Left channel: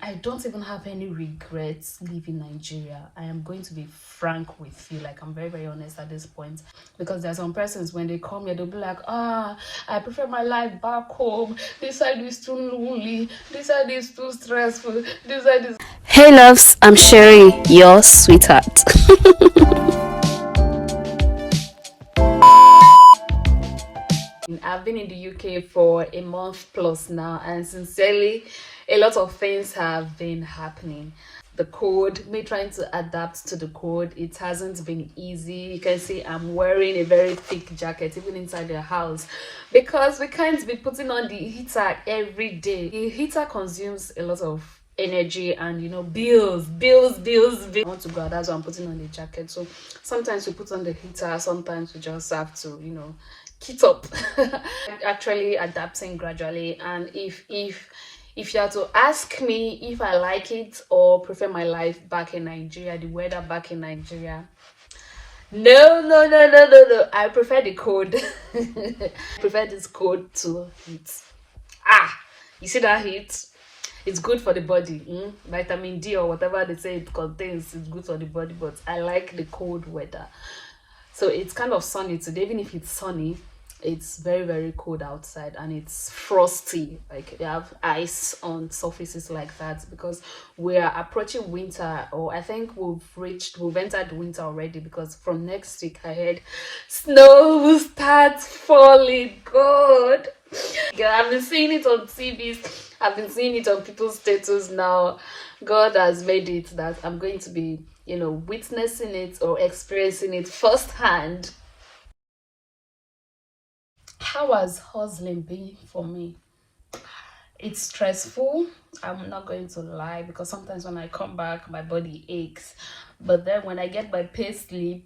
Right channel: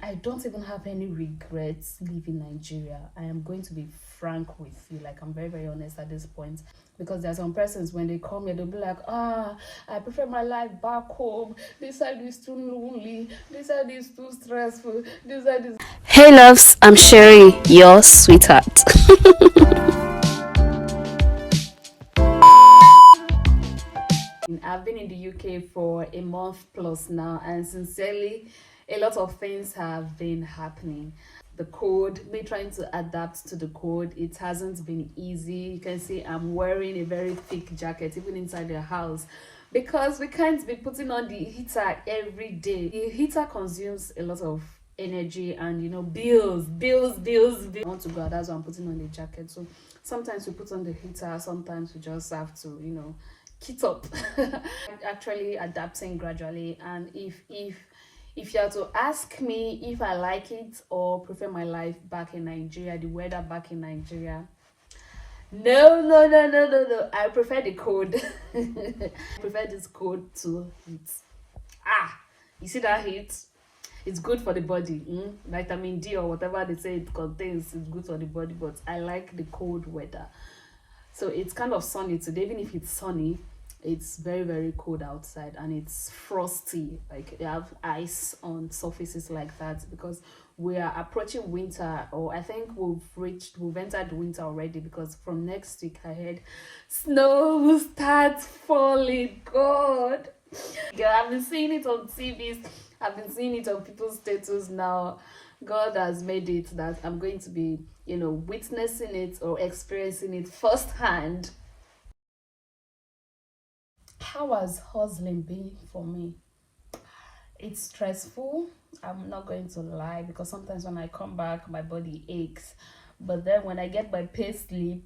I don't even have any regrets leaving Nigeria. I am going to be frank with you. Like, I'm very, very honest at this point. Because there's some persons, when they come here, they'll be like, I prefer my life back home. This side is too lonely. This side is too stressful. This side is... Hey loves, I'm Sherry, your sweetheart. I've been in the UK for a month plus now, and sincerely, a lot of things have been happening. The code, me trying to adapt to the code, it hasn't been easy. You can see I'm wearing a very thick jacket even inside the house because we can't be putting on the heater every day. The heater consumes a lot of energy and bills. I want to go out, that's why I'm putting on the jacket. So sometimes we put on the heater, sometimes we just have to kit up. Actually adapting gradually, and if you are to ask me if I like it or prefer my life back in Nigeria, the weather back in Nigeria, no, I prefer the code. I prefer this code to heat. You see that heat? It's good for the body. Vitamin D or whatever they say it contains is good for the body, but I like the cold weather. So it's kind of sunny today. Even if it's sunny, it's very, very cold outside and it's frosty. Like, they have ice on surfaces like that because we are approaching winter, or I think we've entered winter already, because from next week I heard snow will start falling. God, I've been seeing it on TVs, I've been seeing it on people's status now. God has made it that I'm going to be witnessing it or experiencing it firsthand. How has hustling been for me? It's stressful, I'm not going to lie, because sometimes when I come back my body aches, but then when I get my pay slip,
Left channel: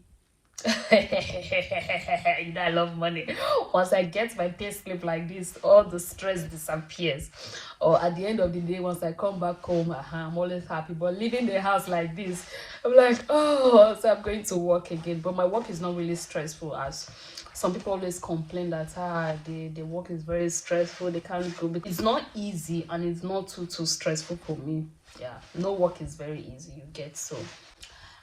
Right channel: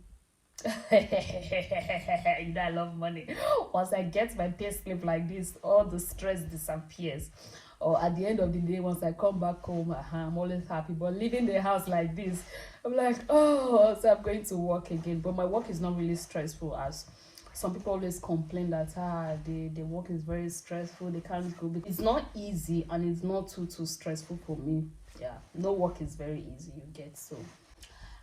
I love money. Once I get my pay slip like this, all the stress disappears. Or at the end of the day, once I come back home, I'm always happy. But leaving the house like this, I'm like, oh, so I'm going to work again. But my work is not really stressful, as some people always complain that the work is very stressful, they can't go. It's not easy, and it's not too stressful for me. Yeah, no work is very easy, you get. So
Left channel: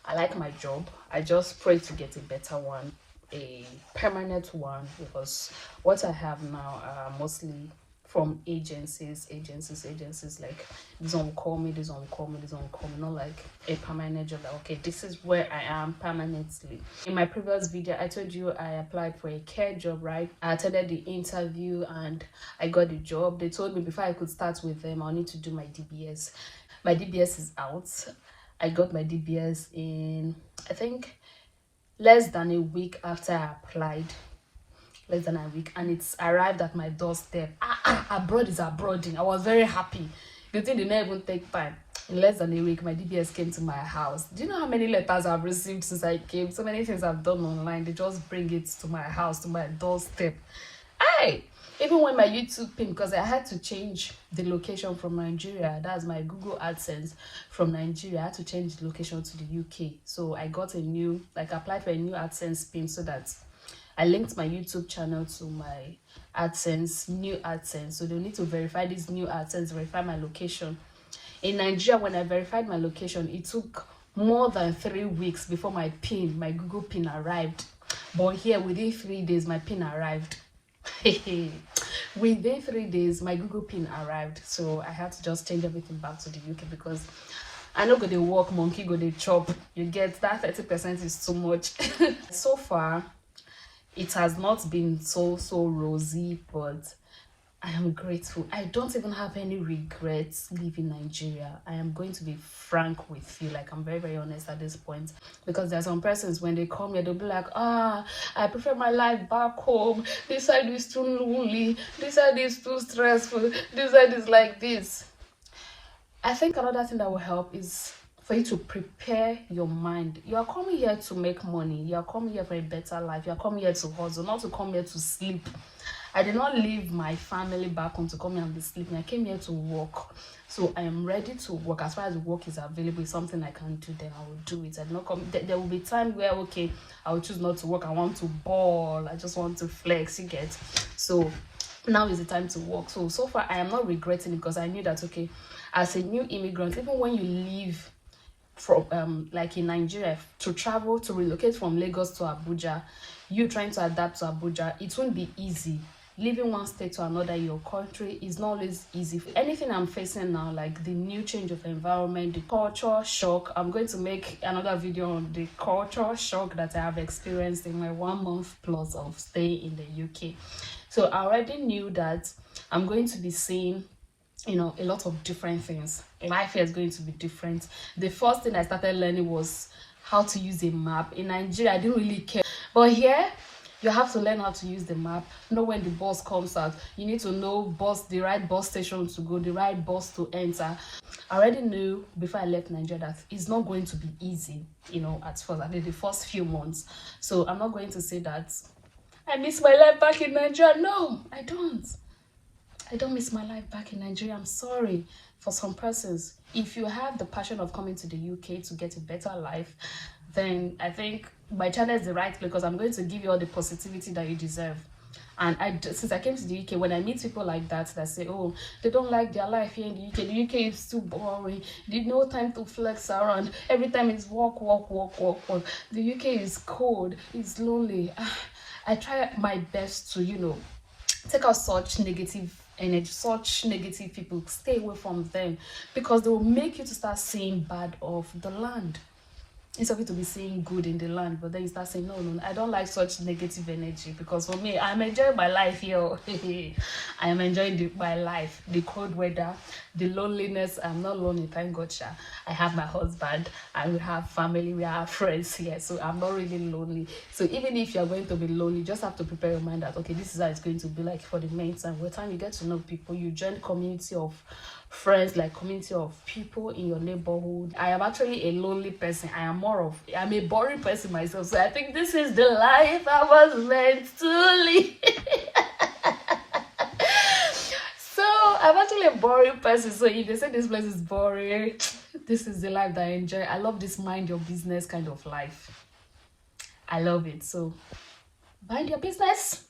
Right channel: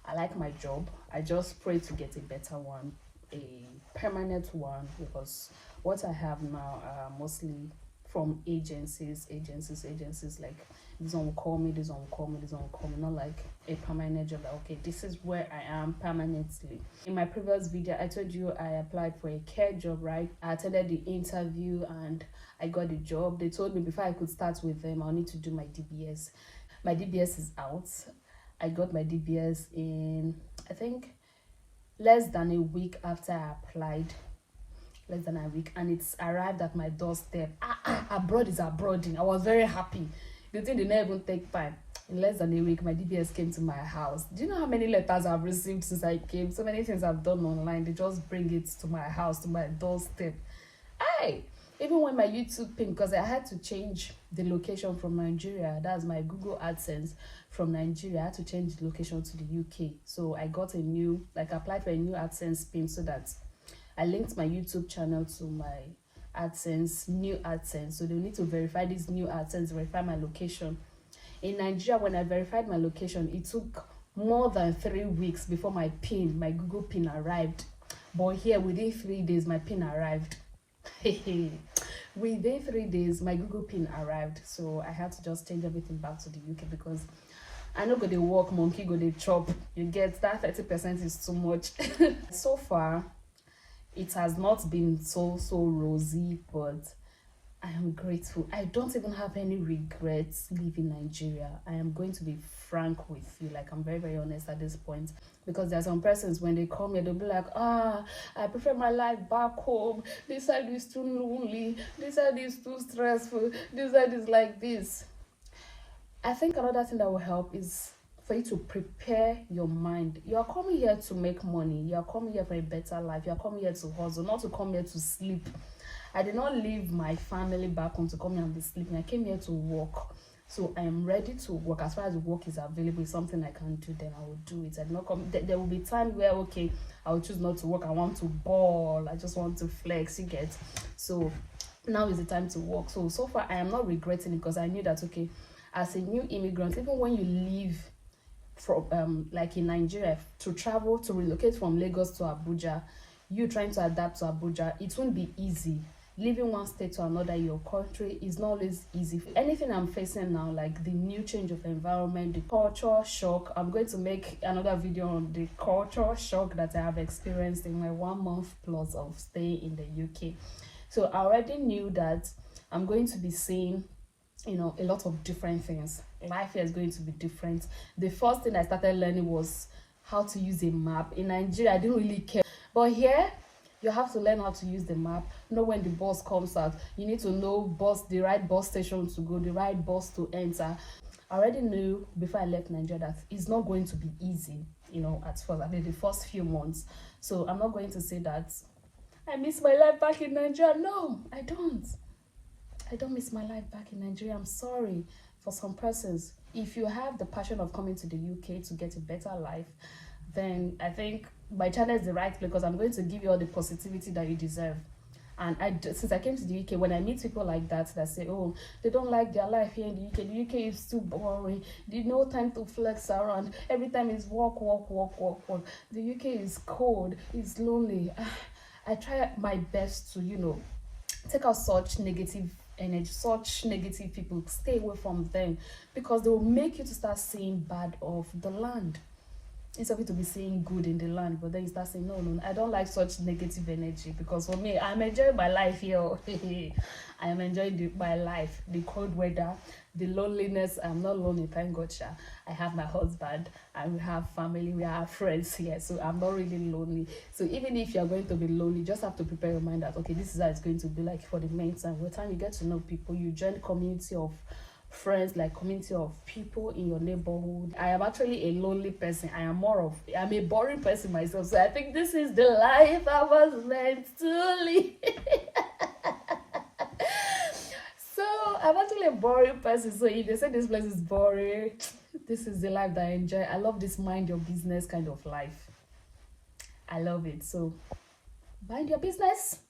I like my job. I just pray to get a better one, a permanent one, because what I have now are mostly from agencies, like this one call me, not like a permanent job. Like, okay, this is where I am permanently. In my previous video, I told you I applied for a care job, right? I attended the interview and I got the job. They told me before I could start with them, I'll need to do my DBS. My DBS is out. I got my DBS in, I think, less than a week after I applied. Less than a week, and it's arrived at my doorstep. Abroad is abroading. I was very happy. The thing did not even take time. In less than a week, my DBS came to my house. Do you know how many letters I've received since I came? So many things I've done online. They just bring it to my house, to my doorstep. Even when my YouTube pin, because I had to change the location from Nigeria, that's my Google AdSense from Nigeria, I had to change the location to the UK. So I got applied for a new AdSense pin, so that I linked my YouTube channel to my AdSense, new AdSense. So they'll need to verify this new AdSense, verify my location. In Nigeria, when I verified my location, it took more than 3 weeks before my pin, my Google pin arrived. But here, within 3 days, my pin arrived. Within 3 days, my Google pin arrived. So I had to just change everything back to the UK, because I know go they walk, monkey go they chop. You get that 30% is too much. So far, it has not been so rosy, but I am grateful. I don't even have any regrets leaving Nigeria. I am going to be frank with you. Like, I'm very, very honest at this point, because there are some persons, when they come here, they'll be like, I prefer my life back home. This side is too lonely. This side is too stressful. This side is like this. I think another thing that will help is for you to prepare your mind. You are coming here to make money. You are coming here for a better life. You are coming here to hustle, not to come here to sleep. I did not leave my family back home to come here and be sleeping. I came here to work. So I am ready to work. As far as work is available, it's something I can do, then I will do it. I did not come. There will be time where, okay, I will choose not to work. I want to ball. I just want to flex, you get. So now is the time to work. So far I am not regretting it, because I knew that, okay, as a new immigrant, even when you leave from like in Nigeria, to travel, to relocate from Lagos to Abuja, you trying to adapt to Abuja, it won't be easy. Living one state to another in your country is not always easy. Anything I'm facing now, like the new change of environment, the culture shock, I'm going to make another video on the culture shock that I have experienced in my 1 month plus of stay in the UK. So I already knew that I'm going to be seeing, you know, a lot of different things. Life here is going to be different. The first thing I started learning was how to use a map. In Nigeria, I didn't really care, but here you have to learn how to use the map, know when the bus comes out. You need to know the right bus station to go, the right bus to enter. I already knew before I left Nigeria that it's not going to be easy, you know, at first, at least the first few months. So I'm not going to say that I miss my life back in Nigeria. No, I don't. I don't miss my life back in Nigeria. I'm sorry. For some persons, if you have the passion of coming to the UK to get a better life, then I think my channel is the right place, because I'm going to give you all the positivity that you deserve. And since I came to the UK, when I meet people like that say, oh, they don't like their life here in the UK is too boring, there's no time to flex around, every time it's work. The UK is cold, it's lonely. I try my best to, you know, take out such negative energy, such negative people, stay away from them, because they will make you to start seeing bad of the land. It's okay to be seeing good in the land, but then you start saying, no, I don't like such negative energy, because for me, I'm enjoying my life here. I am enjoying my life, the cold weather, the loneliness. I'm not lonely, thank God. I have my husband, and we have family, we have friends here, so I'm not really lonely. So even if you're going to be lonely, you just have to prepare your mind that, okay, this is how it's going to be like for the meantime. By the time you get to know people, you join community of friends, like community of people in your neighborhood. I am actually a lonely person. I'm a boring person myself, so I think this is the life I was meant to live. So I'm actually a boring person, so if they say this place is boring, this is the life that I enjoy. I love this mind your business kind of life. I love it. So mind your business.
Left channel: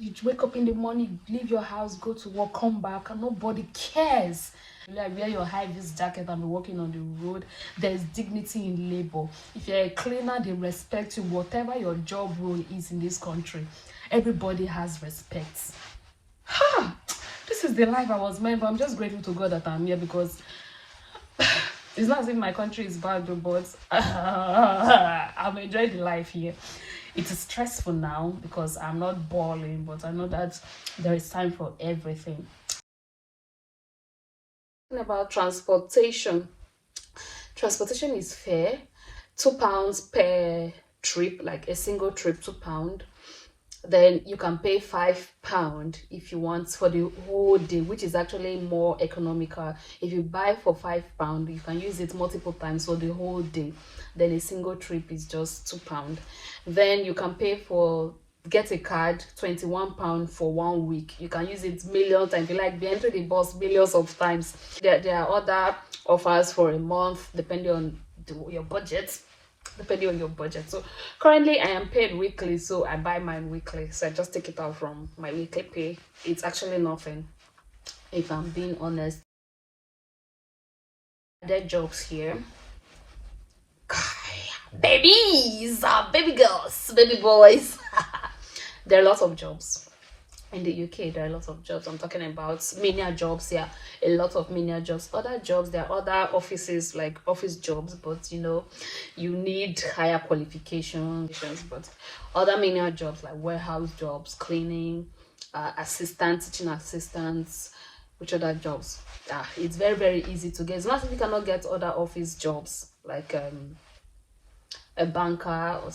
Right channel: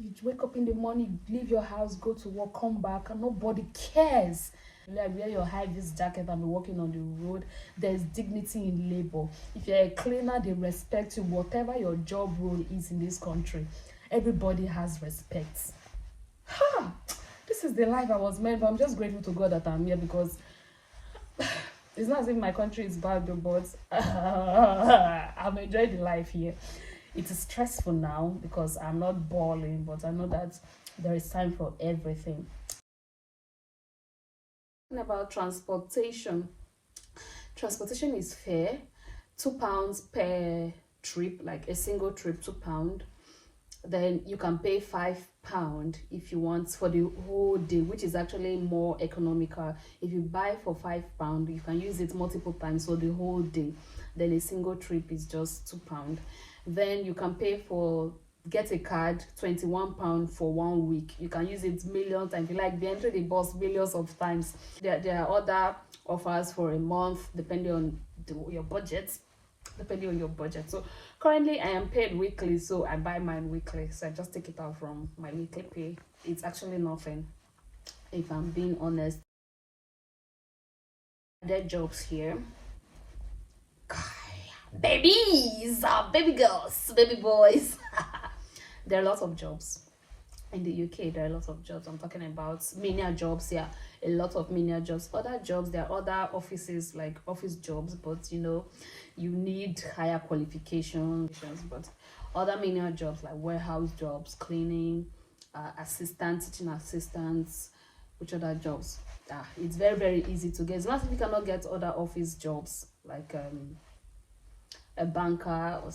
You wake up in the morning, leave your house, go to work, come back, and nobody cares. Like, wear your high-vis jacket and be walking on the road. There's dignity in labor. If you're a cleaner, they respect you. Whatever your job role is in this country, everybody has respect. This is the life I was meant, but I'm just grateful to God that I'm here, because it's not as if my country is bad, but I'm enjoying the life here. It is stressful now because I'm not balling, but I know that there is time for everything. About transportation. Transportation is fair. £2 per trip, like a single trip, £2. Then you can pay £5 if you want for the whole day, which is actually more economical. If you buy for £5, you can use it multiple times for the whole day. Then a single trip is just £2. Then you can pay for, get a card, £21 for 1 week. You can use it millions times. If you like, be entering the bus millions of times. There are other offers for a month, depending on your budget. So currently I am paid weekly, so I buy mine weekly. So I just take it out from my weekly pay. It's actually nothing, if I'm being honest. There are jobs here. Babies, baby girls, baby boys. There are lots of jobs in the UK. There are lots of jobs. I'm talking about menial jobs here. A lot of menial jobs. Other jobs, there are other offices, like office jobs, but you know, you need higher qualifications. But other menial jobs like warehouse jobs, cleaning, assistants, teaching assistants, which other jobs? It's very, very easy to get. It's not if you cannot get other office jobs like a banker, or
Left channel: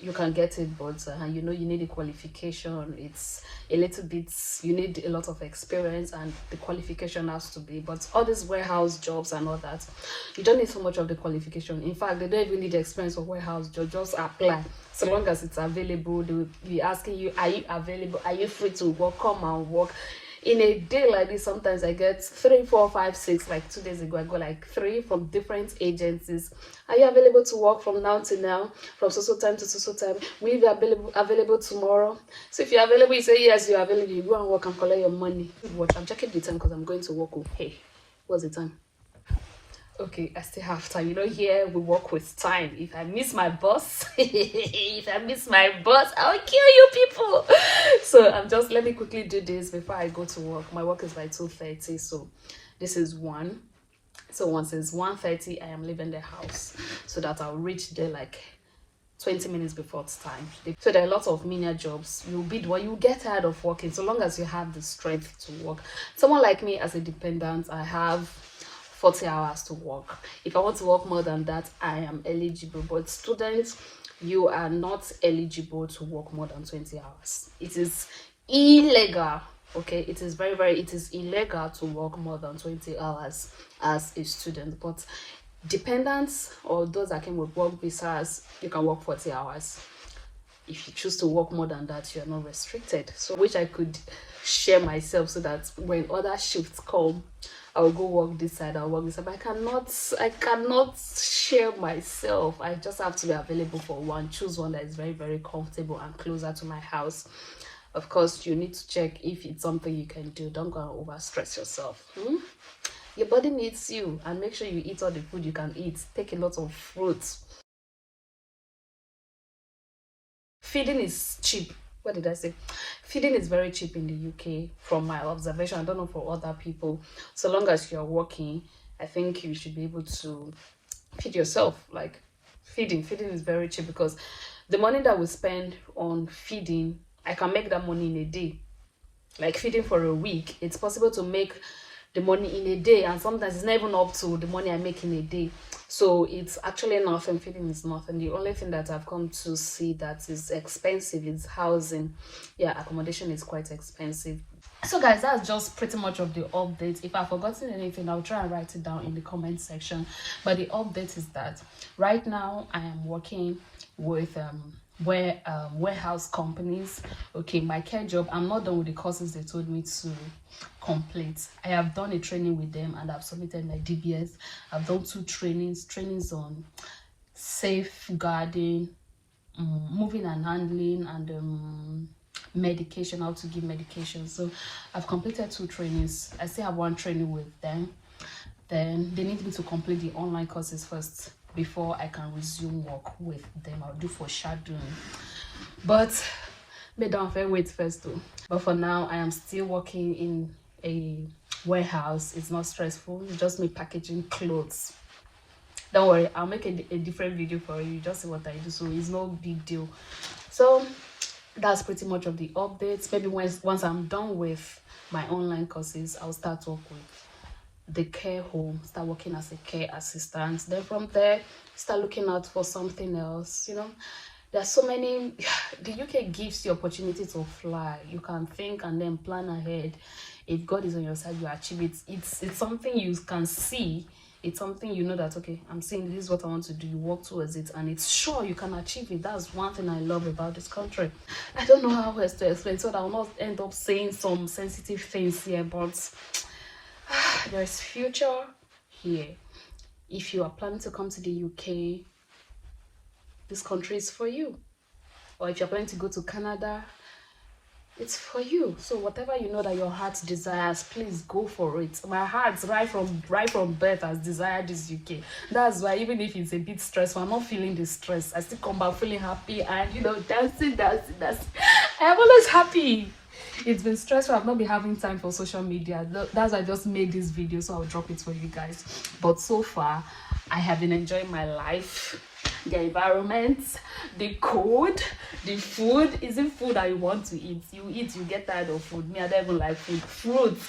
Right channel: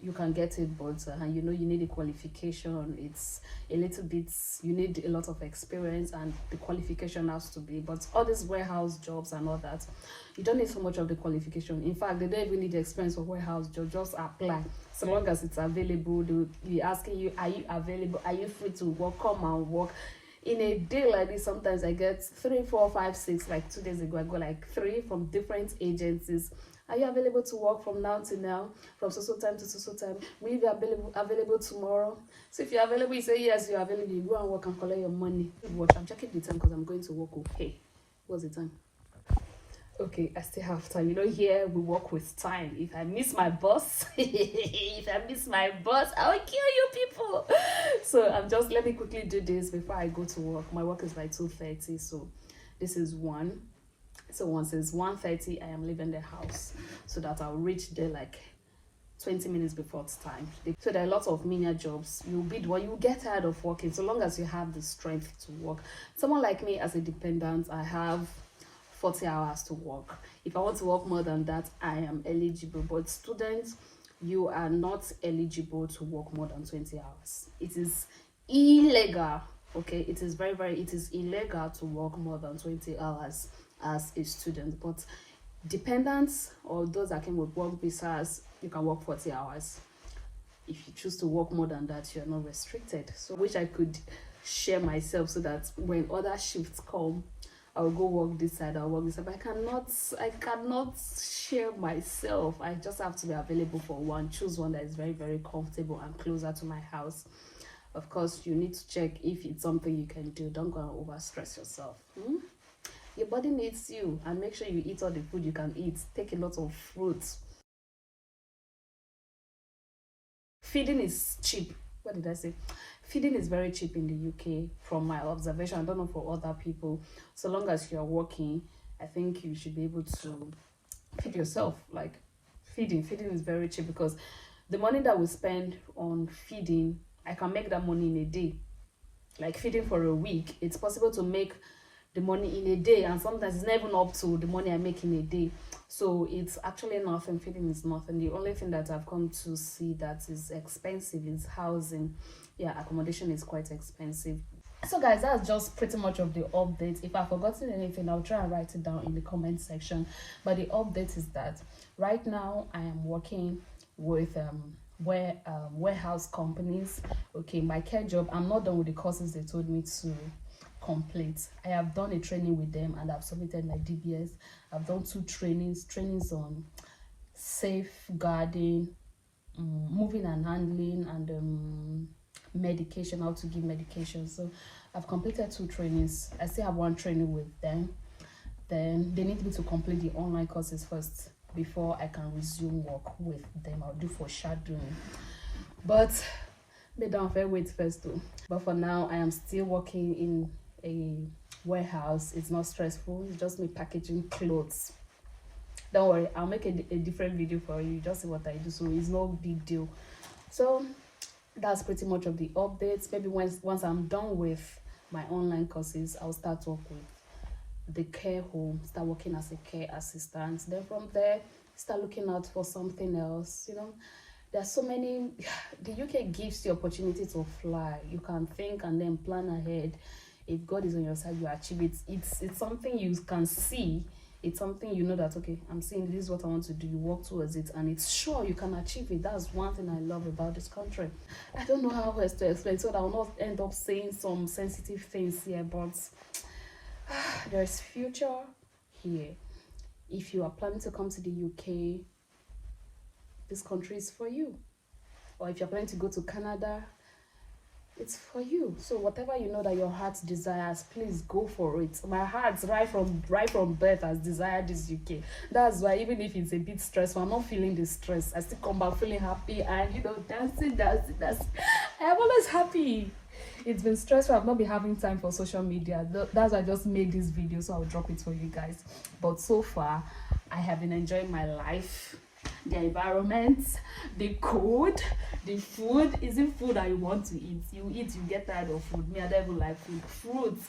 you can get it, but you know, you need a qualification. It's a little bit, you need a lot of experience, and the qualification has to be. But all these warehouse jobs and all that, you don't need so much of the qualification. In fact, they don't even need the experience of warehouse job. Just apply. So long as it's available, they will be asking you, are you available, are you free to work, come and work. In a day like this, sometimes I get 3, 4, 5, 6. Like 2 days ago, I got like 3 from different agencies. Are you available to work from now to now, from so time to so time? Will you be available tomorrow? So if you're available, you say yes, you're available. You go and work and collect your money. Watch, I'm checking the time because I'm going to work. Hey, What's the time? Okay, I still have time. You know, here we work with time. If I miss my bus, I'll kill you people. So let me quickly do this before I go to work. My work is by 2:30, so this is 1. So once it's 1:30, I am leaving the house so that I'll reach there like 20 minutes before it's time. So there are lots of menial jobs. You get tired of working so long as you have the strength to work. Someone like me as a dependent, I have 40 hours to work. If I want to work more than that, I am eligible. But students, you are not eligible to work more than 20 hours. It is illegal. Okay, it is it is illegal to work more than 20 hours as a student. But dependents or those that came with work visas, you can work 40 hours. If you choose to work more than that, you're not restricted. So I wish I could share myself so that when other shifts come, I'll go work this side, I'll work this side. But I cannot share myself. I just have to be available for one. Choose one that is very, very comfortable and closer to my house. Of course, you need to check if it's something you can do. Don't go and overstress yourself. Your body needs you, and make sure you eat all the food you can eat. Take a lot of fruits. Feeding is cheap. What did I say? Feeding is very cheap in the UK from my observation. I don't know for other people. So long as you're working, I think you should be able to feed yourself. Like feeding is very cheap, because the money that we spend on feeding, I can make that money in a day. Like feeding for a week, it's possible to make the money in a day, and sometimes it's not even up to the money I make in a day. So it's actually nothing. Feeding is nothing. The only thing that I've come to see that is expensive is housing. Yeah, accommodation is quite expensive. So guys, that's just pretty much of the update. If I've forgotten anything, I'll try and write it down in the comment section. But the update is that right now I am working with warehouse companies. Okay, my care job, I'm not done with the courses they told me to complete. I have done a training with them and I've submitted my DBS. I've done 2 trainings on safeguarding, moving and handling, and medication, how to give medication. So I've completed 2 trainings. I still have 1 training with them. Then they need me to complete the online courses first before I can resume work with them. I'll do for shadowing, but may don't wait first too. But for now, I am still working in a warehouse. It's not stressful. It's just me packaging clothes. Don't worry, I'll make a different video for you. Just see what I do, so it's no big deal. So that's pretty much of the updates. Maybe once I'm done with my online courses, I'll start work with the care home, start working as a care assistant. Then from there, start looking out for something else. You know, there's so many. The UK gives you opportunity to fly. You can think and then plan ahead. If God is on your side, you achieve it. It's something you can see. It's something you know that, okay, I'm saying this is what I want to do. You work towards it, and it's sure you can achieve it. That's one thing I love about this country. I don't know how else to explain, so that I will not end up saying some sensitive things here, but there is future here. If you are planning to come to the UK, this country is for you. Or if you're planning to go to Canada, it's for you. So whatever you know that your heart desires, please go for it. My heart right from birth has desired this UK. That's why even if it's a bit stressful, I'm not feeling the stress. I still come back feeling happy and, you know, dancing. I'm always happy. It's been stressful. I've not been having time for social media. That's why I just made this video, so I'll drop it for you guys. But so far, I have been enjoying my life, the environment, the code, the food. Isn't food that you want to eat? You eat, you get tired of food. Me, I don't even like food. Fruits.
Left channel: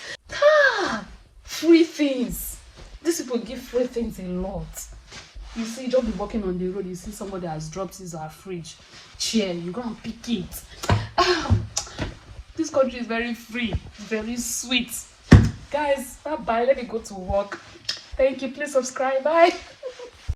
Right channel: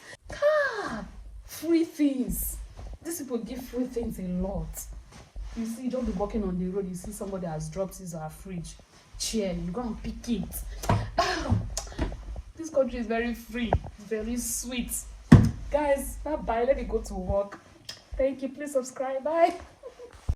Free things. These people give free things a lot. You see, just be walking on the road, you see somebody has dropped his fridge chair, you go and pick it. This country is very free, very sweet. Guys, bye bye. Let me go to work. Thank you. Please subscribe. Bye.